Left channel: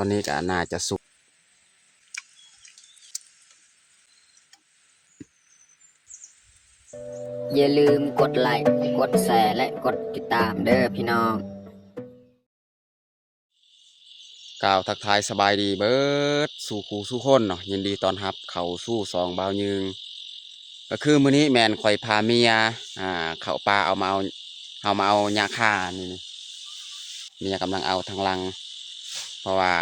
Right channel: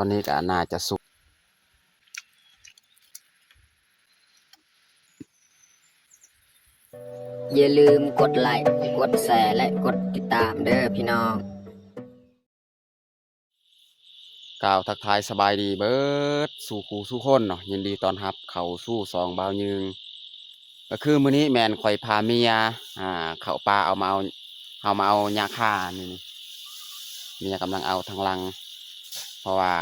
ตอนนี้ก็น่าจะสุกอย่าลืมกดไลค์กดแชร์และกดติดตามเด้อพี่น้องกล่าวทักทายสบายดีเบิดสู่ครูสู่คนเนาะยินดีต้อนรับเข้าสู่สองบ่าวยืงก็คือมื้อนี้แม่นข่อยพาเมียเข้าป่าเอาหญ้าคานี่เมียกำลังเอาทางลังเพราะว่า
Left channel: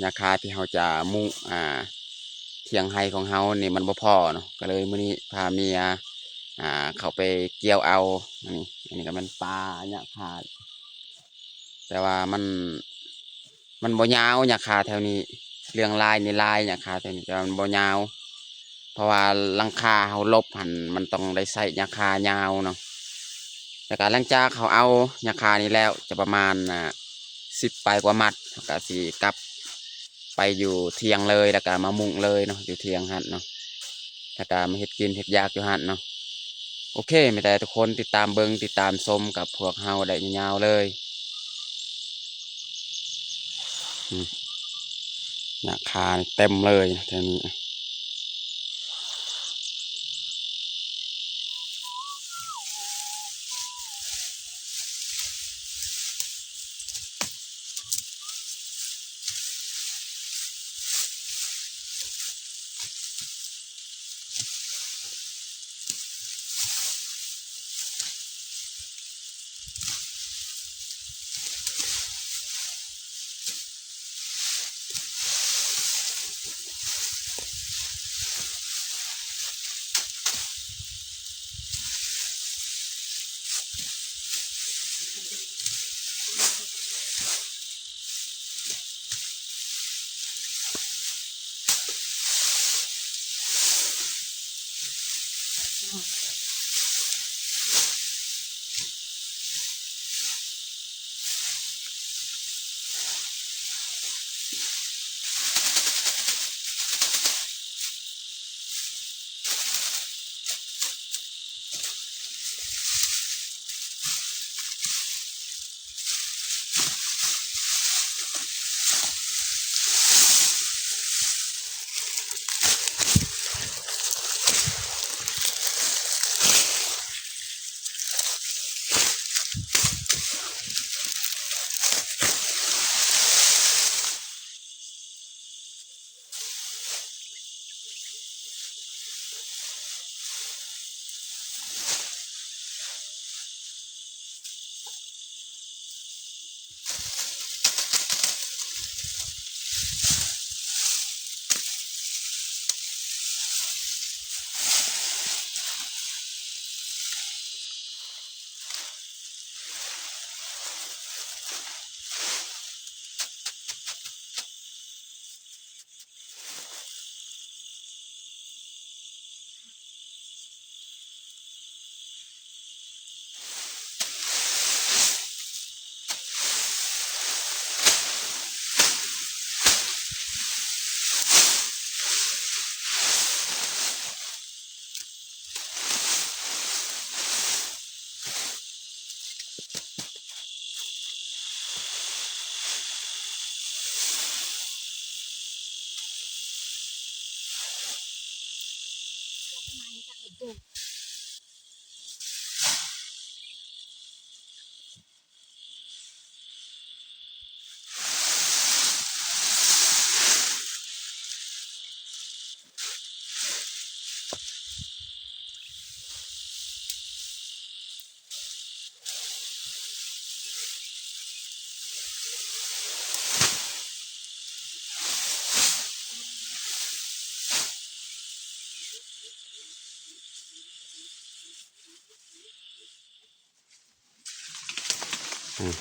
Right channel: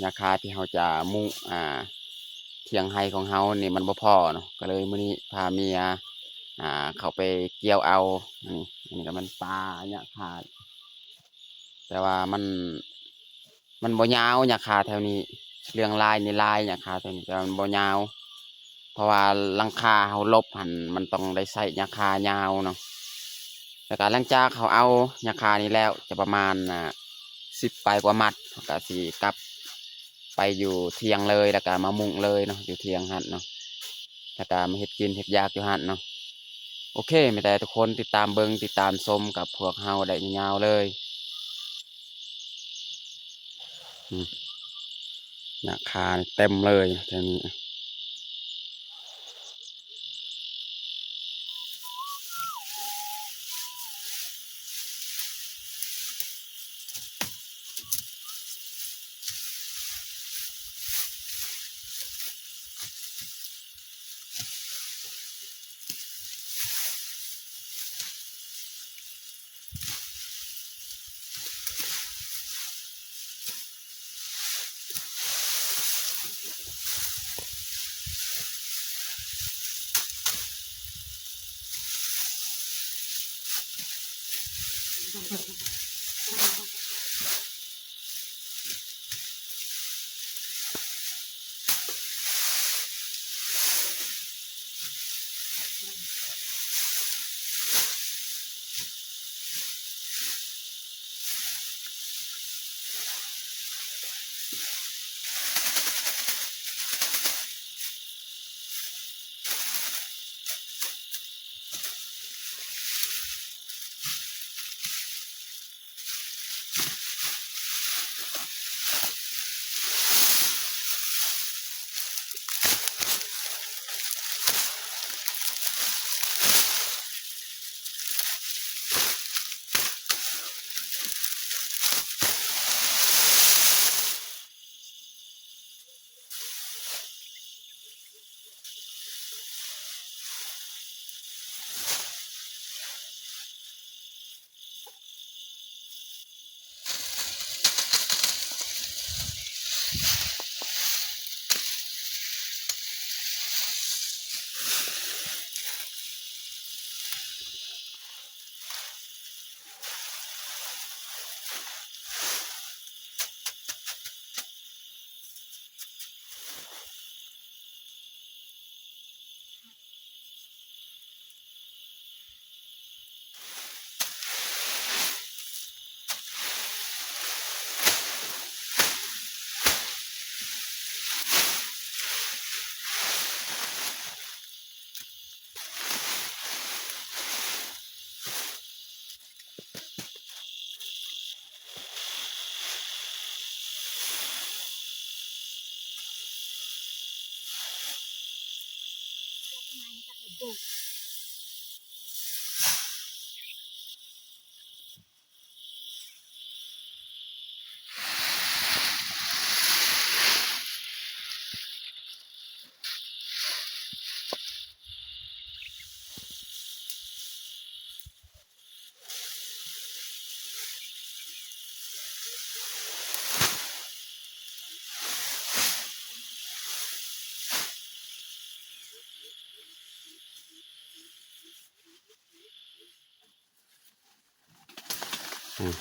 หญ้าคาที่เราจะมุเถียงไร่ของเฮานี่มันบ่พอเนาะก็เลยมื้อนี้พาเมียเข้าไปเกี่ยวเอาอันนี้ก็มันปลาหญ้าคาแต่ว่ามันบ่ยาวหญ้าคาแถวนี้เรื่องลายนี่ลายหญ้าคาแถวนี้แต่มันบ่ยาวเพราะว่าหลังคาเฮาลบหันมันต้องได้ใส่หญ้าคายาวเนาะแต่การหลังจากเขาเอาหญ้าคานี้แล้วจะประมาณ10 ไปกว่ามัดก็สิกลับไปอยู่เทียงเลยแล้วก็มามุงเลยเนาะอยู่เทียงหั่นเนาะแล้วก็มาเฮ็ดกินเฮ็ดยากอยู่หั่นเนาะโอเคไม่แต่ทุกคนติดตามเบิ่งติดตามชมกับพวกเฮาได้ยาวๆเลยหญ้าคาเต็มเลยแถวนี้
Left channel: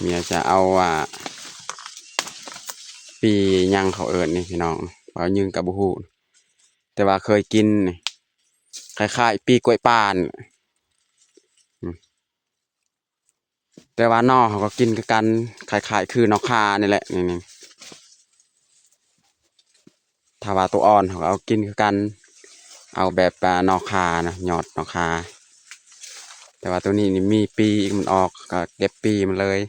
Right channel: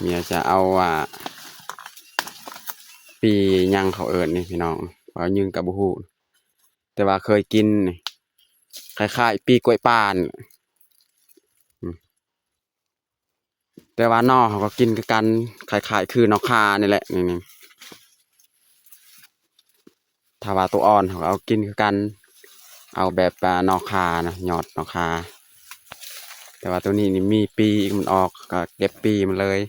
เมียจะเอาปียังเขาเอิญนี่พี่น้องว่ายึงกับบุหูแต่ว่าเคยกินนี่คล้ายๆปีกล้วยป่านแต่ว่านอเขาก็กินกันคล้ายๆคือนอคานี่แหละนี่ถ้าว่าตัวอ่อนเขาก็เอากินคือกันเอาแบบนอคานะยอดนอคาแต่ว่าตัวนี้นี่มีปีมันออกก็เก็บปีมันเลย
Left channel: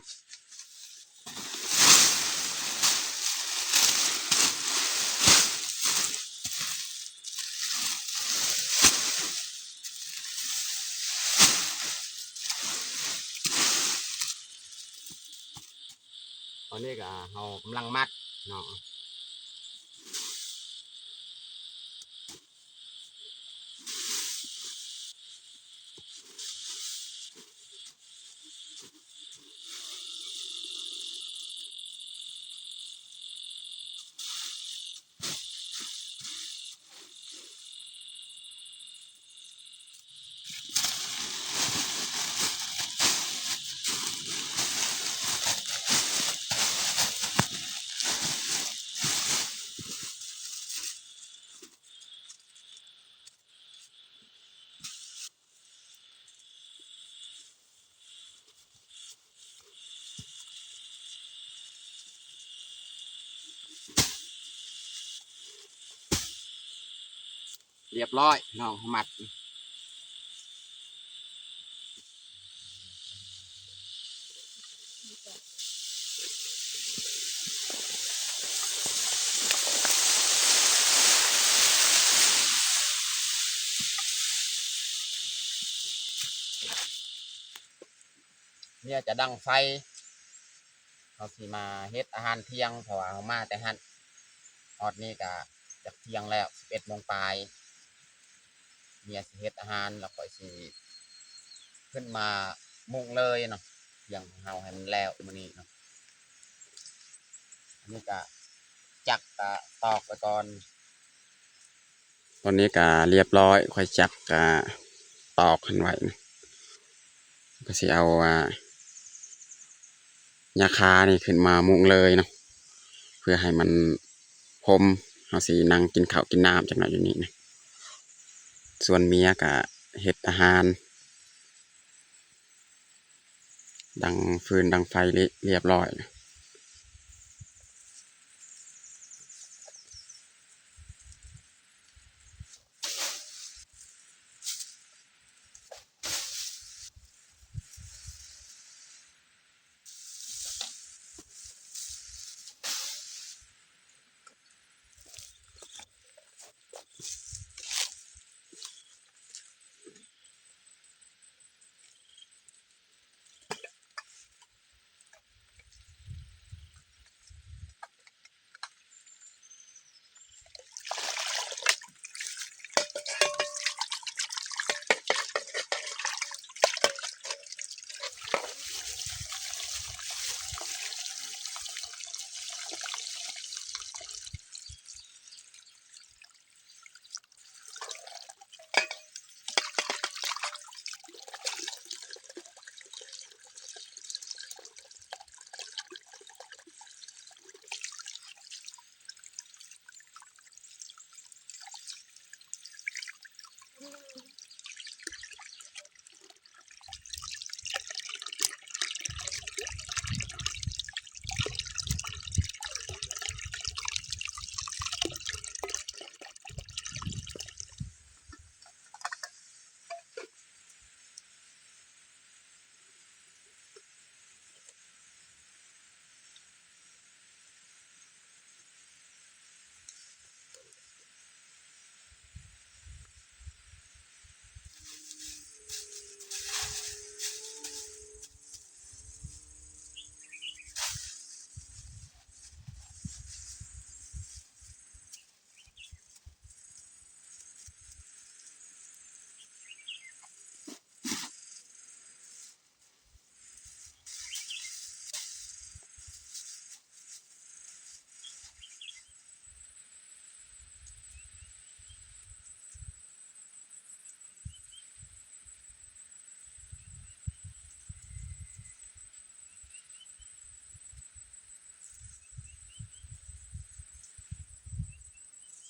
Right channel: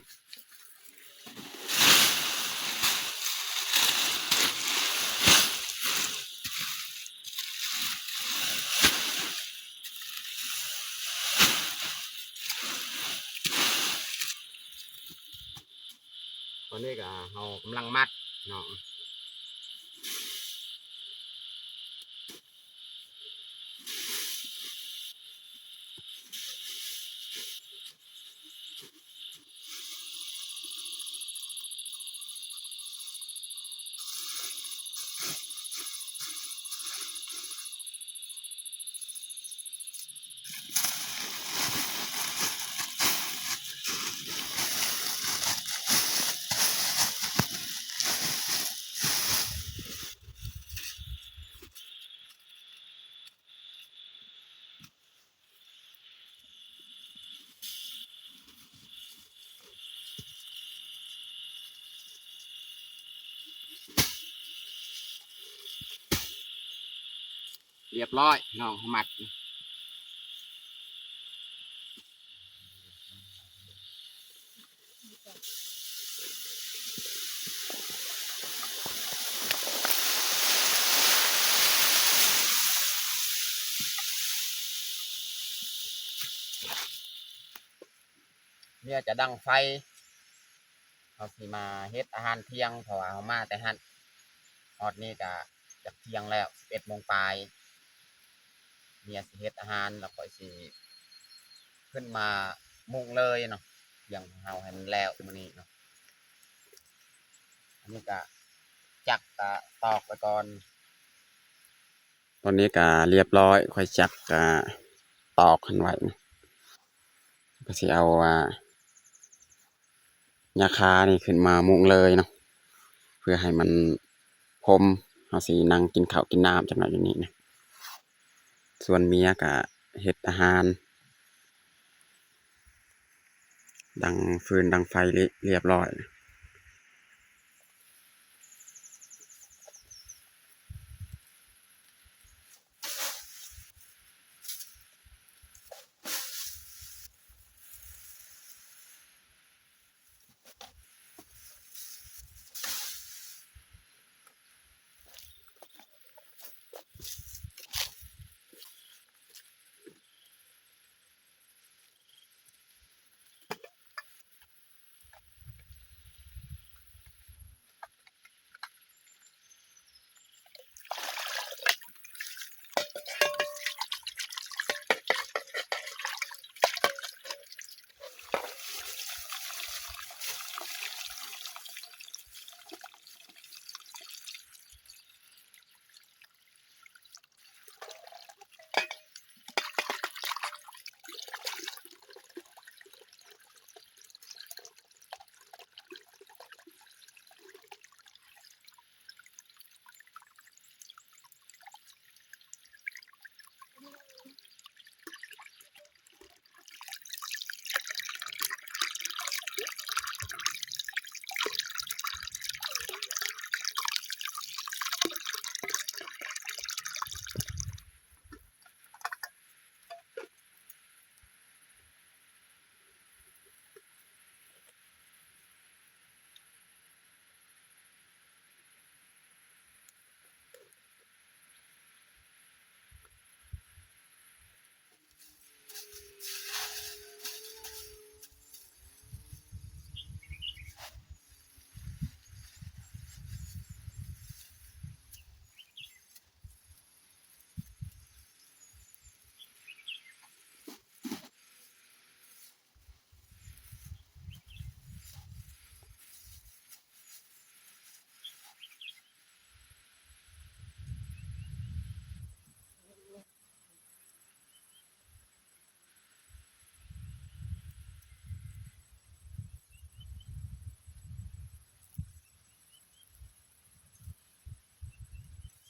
อนนี้ก็เรากำลังมัดเนาะเรียบร้อยเนาะมัดเนี่ยจะดังไฟเขาสิมาเฮ็ดอาหารเที่ยงเพราะว่าเขามาแต่หันฮอดนี่ก็จากเที่ยงแล้ว11 โมงปลายเนี่ยสิเฮ็ดอาหารแล้วก็สิขึ้นมามุงเลยเนาะอย่างของเฮาให้มันแล้วมื้อนี้เนาะอันนี้ก็จักก็ตอกไปก่อนตอนนี้ก็เรียบร้อยค่อยจักก็ตอกขึ้นไว้นะก็สิเอายาคานี่ขึ้นมามุงเลยเนาะเพื่อให้มันพรมเอาสินั่งกินข้าวกินน้ำจังหน่อยอยู่นี่นะส่วนเมียก็เฮ็ดอาหารดังฟืนดังไฟเรียบร้อยนะ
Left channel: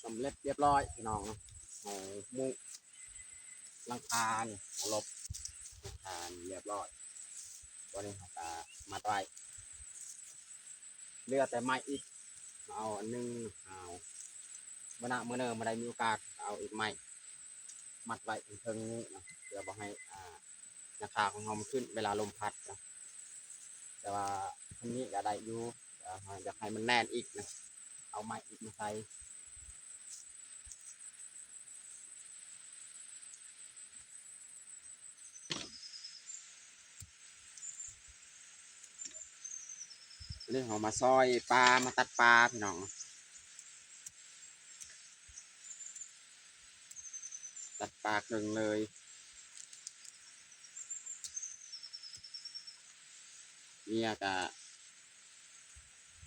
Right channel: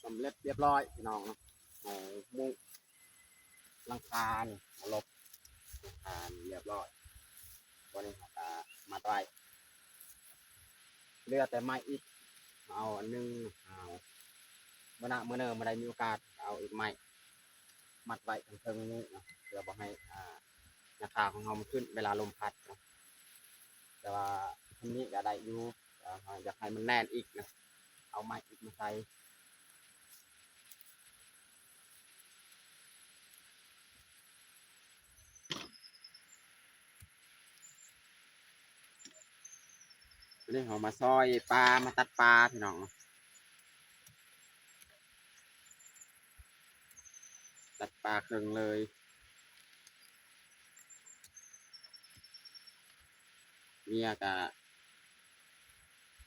สำเร็จเรียบร้อยพี่น้องเนาะเอามุงหลังคานี่เอาลบหลังคานี่เรียบร้อยวันนี้เขาก็มัดไว้เหลือแต่ไม้อีกเอาอันหนึงเอาเมื่อเนอมาได้มีโอกาสเอาอีกไม้มัดไว้เทิงๆนี้เนาะเพื่อบ่ให้ราคาของเรามันขึ้นเวลาลมพัดนะแต่ว่าทำนี้ก็ได้อยู่แต่อยากให้มันแน่นอีกนะเอาไม้อีกมาใส่ วันนี้เรามาซอยปลามาตัดปลาพี่น้องตัดปลาครึ่งเลยเมียกะ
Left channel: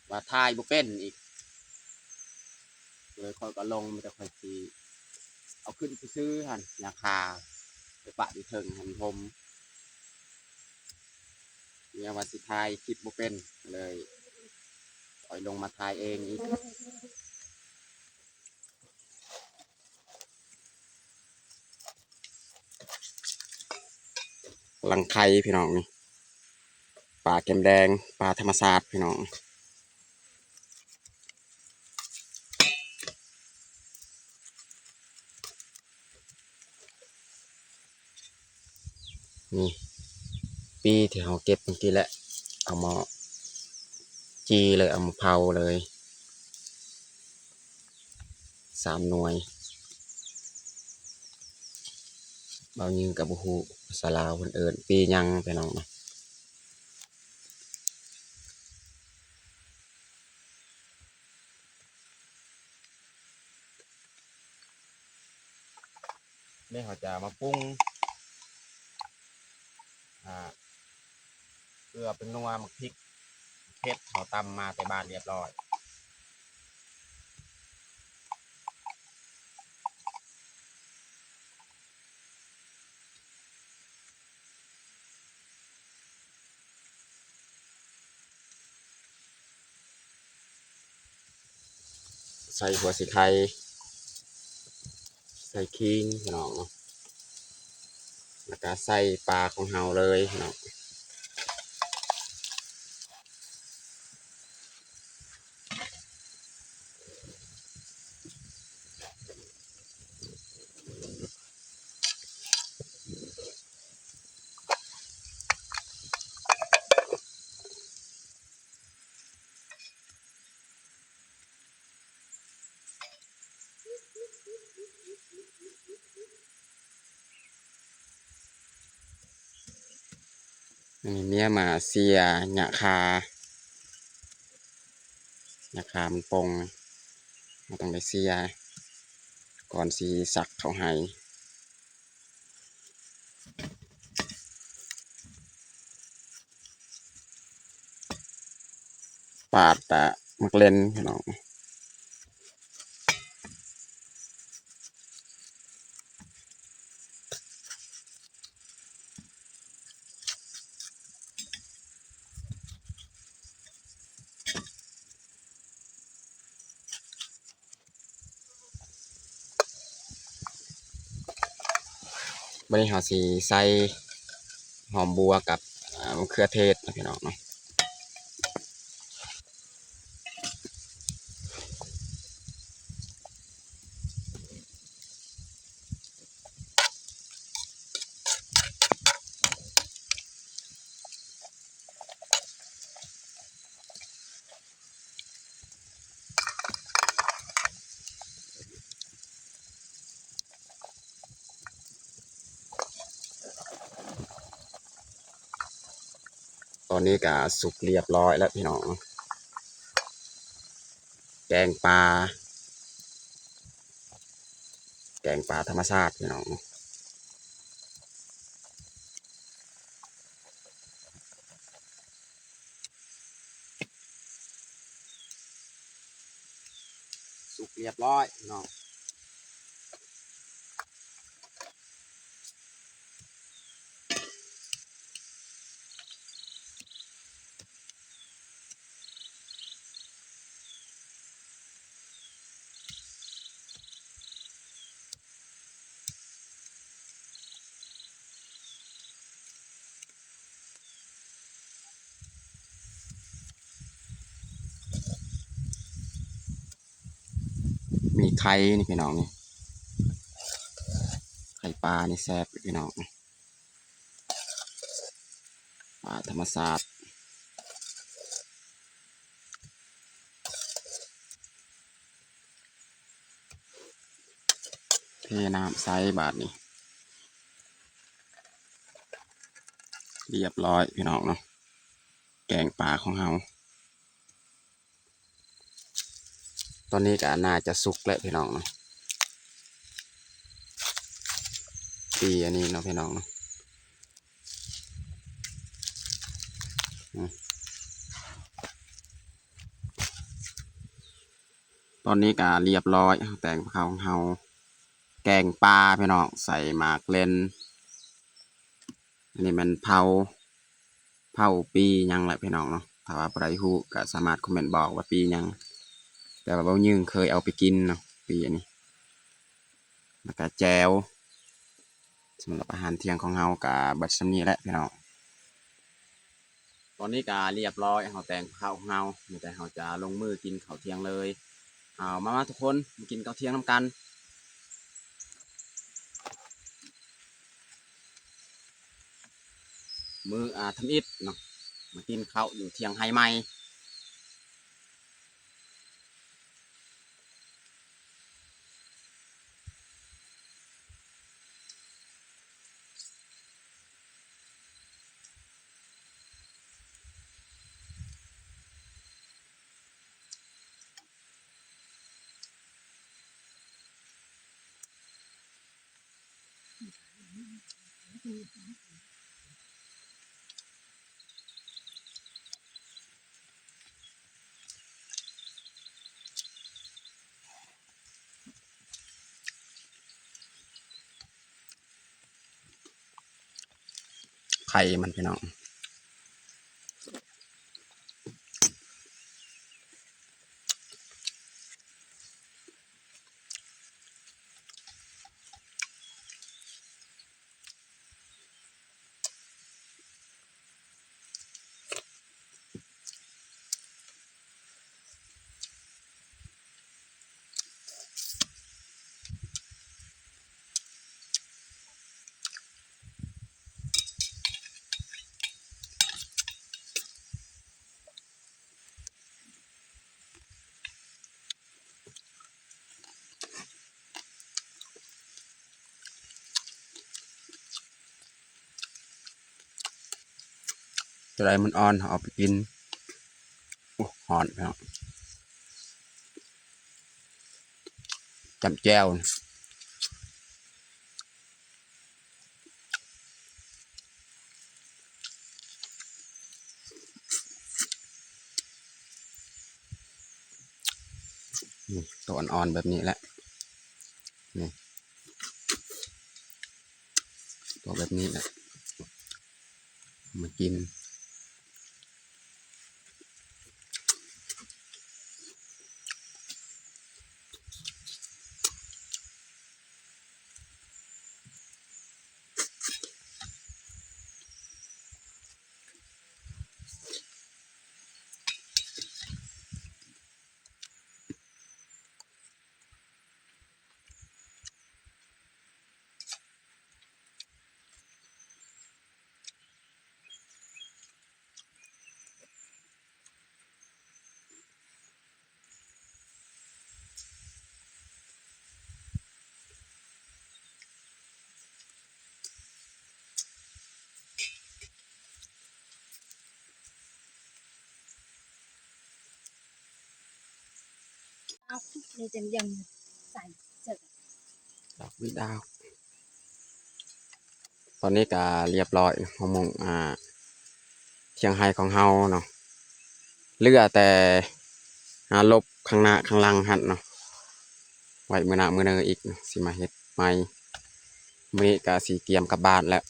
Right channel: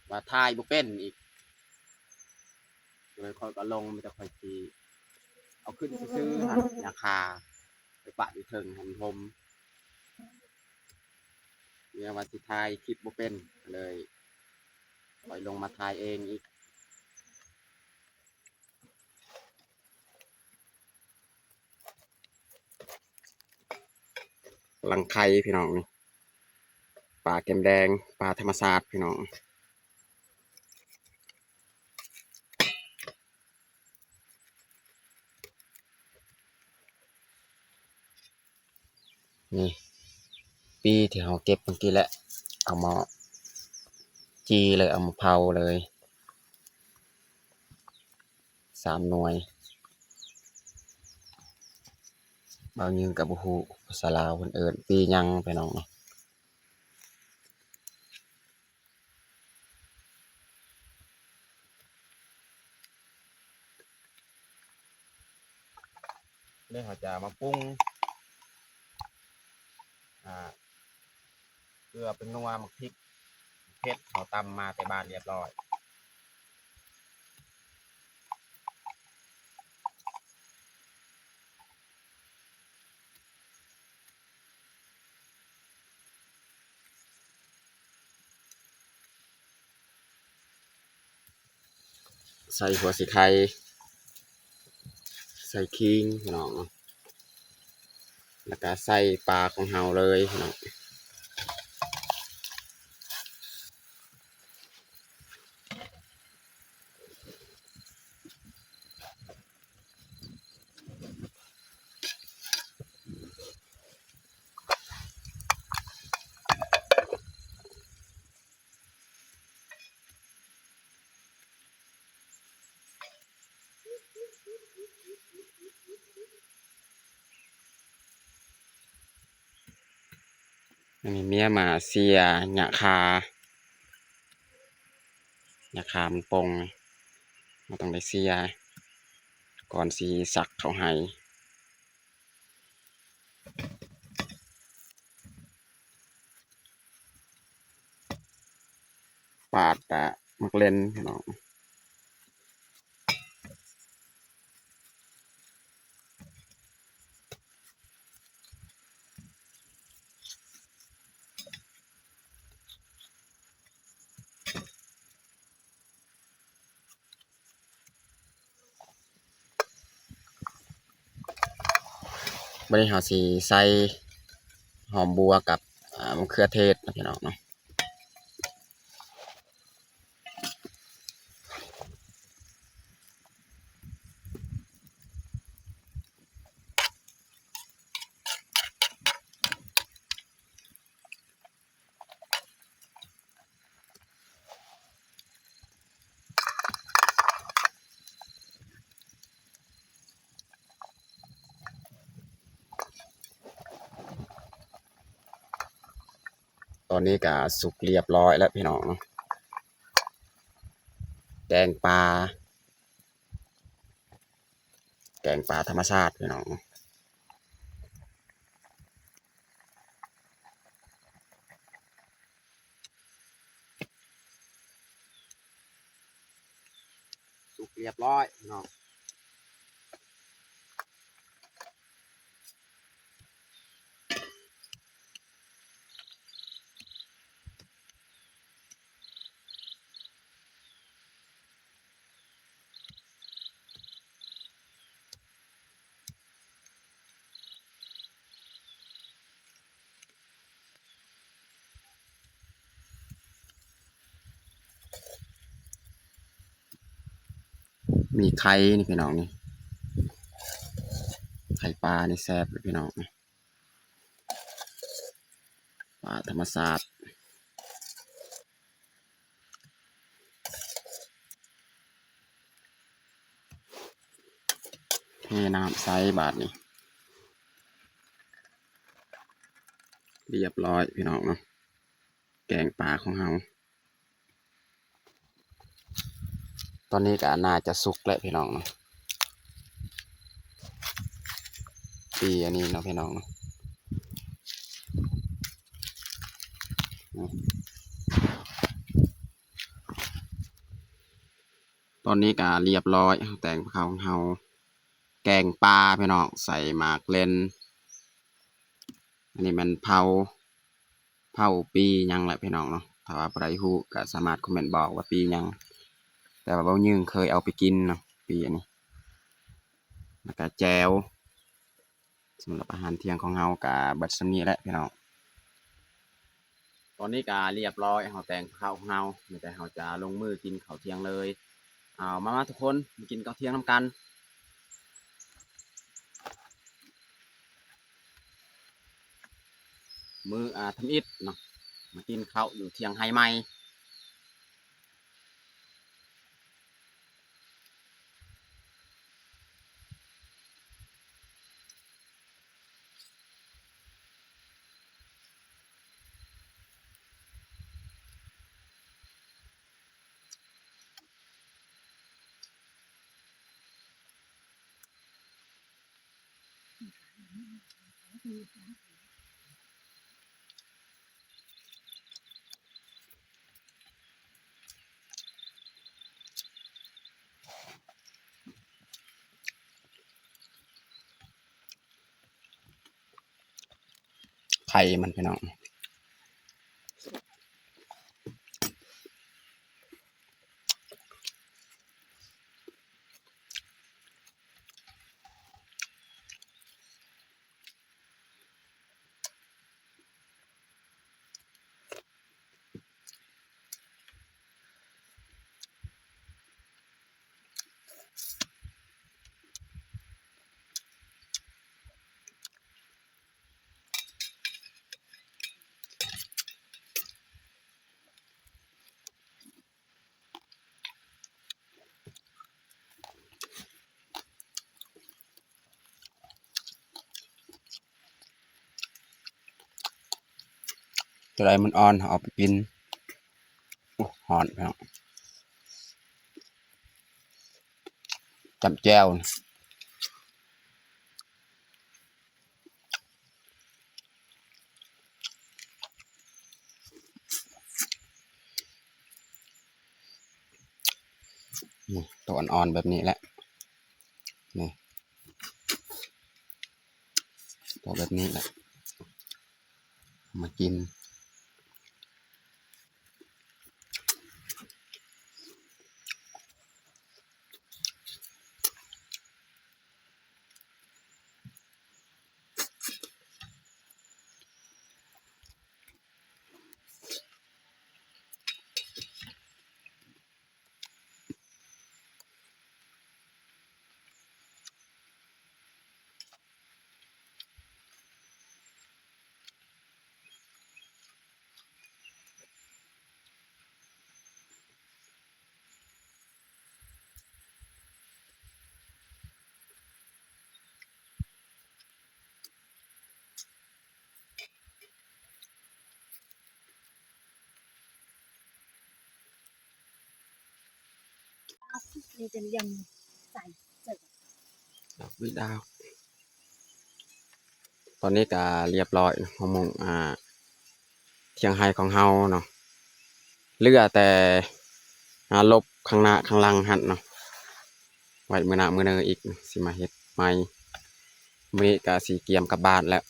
ว่าทายบุเป็นอีกเลยคอยก็ลงมันจะคอยทีเอาขึ้นไปซื้อหันยาคาไปปะอยู่เทิงหันพรมเมียว่าสิทายคลิปบุเป็นเลยคอยลงมาทายเองอีกลังไข่พี่น้องนี่ปลาแก้มแดงปลาธรรมชาติพี่น้องนี่ปีที่เราเก็บเมื่อกี้แหละเอามาจีเลยเอามาเผาเลย3 หน่วยบางยืนกับบุหูภาษาลาวคนเอิญปียังไปน้องเนาะนี่เขาจะมาปรุงเกลือเป็นนัวหมักพริกเผ็ดเขาตำมาแต่บ้านเรียบร้อยใส่หัวสีไข่ใส่ขิงพี่น้องแล้วก็ใส่ปลาของเฮาเลยพี่น้องอันนี้เมียมาเสียหยาคาหยาคามันปงเราต้องได้เสียก่อนสีสักเขาให้ปาดตะมักเล่นพี่น้องบริหารสีใส่หอมบัวกับมะเขือเทศนะพี่น้องเนาะตอนนี้ก็สุกเรียบร้อยแล้วพี่น้องแกงปลาแกงปลาธรรมชาติพี่น้องสุกเรียบร้อยพี่น้องมีไข่นี่พี่น้องนี่ไข่ปลานี่แซ่บพี่น้องปลาธรรมชาติเทน้ำใส่บาทนี่เรียบร้อยพี่น้องเนาะแกงปลาของเฮา ตอนนี้ก็น่าจะสุกแล้วพี่น้องเนาะปีอันนี้เนาะพี่น้องเนาะตอนนี้ก็เรียบร้อยแต่งข้าวของเฮาแกงปลาพี่น้องใส่หมากเลนอันนี้มันเผาปีหยังแหละพี่น้องเนาะถ้าว่าใครฮู้ก็สามารถคอมเมนต์บอกว่าปีหยังแต่ว่าเบ้ายึงเคยเอาไปกินเนาะปีอันนี้แล้วก็แจวสำหรับอาหารเที่ยงของเฮาก็เบิดส่ำนี้แหละพี่น้องตอนนี้ก็เรียบร้อยเฮาแต่งข้าวของเฮามีแต่เฮาจะลงมือกินข้าวเที่ยงเลยเอามาทุกคนมากินข้าวเที่ยงนำกันมื้อทำอิฐเนาะมากินข้าวอยู่เที่ยงไฮใหม่ไข่มันพี่น้องจะได้มันอ่อนเอาไปกินหอนพี่น้องจำแจ้วนี่ตัวอ่อนๆแบบนี้แหละนี่ตัวแบบนี้แหละมากินนี่จะยังใส่เสร็จดอกวิดาวตอนนี้ก็เรียบร้อยหมงเที่ยงไฮของเฮาเนาะเหลือแต่ลบข้างหน้าข้างหลังหันเนาะไว้มื้อหน้ามื้อเนออีกสิมาเฮ็ดใหม่มื้อนี้ก็สิเตรียมกลับบ้านแล้ว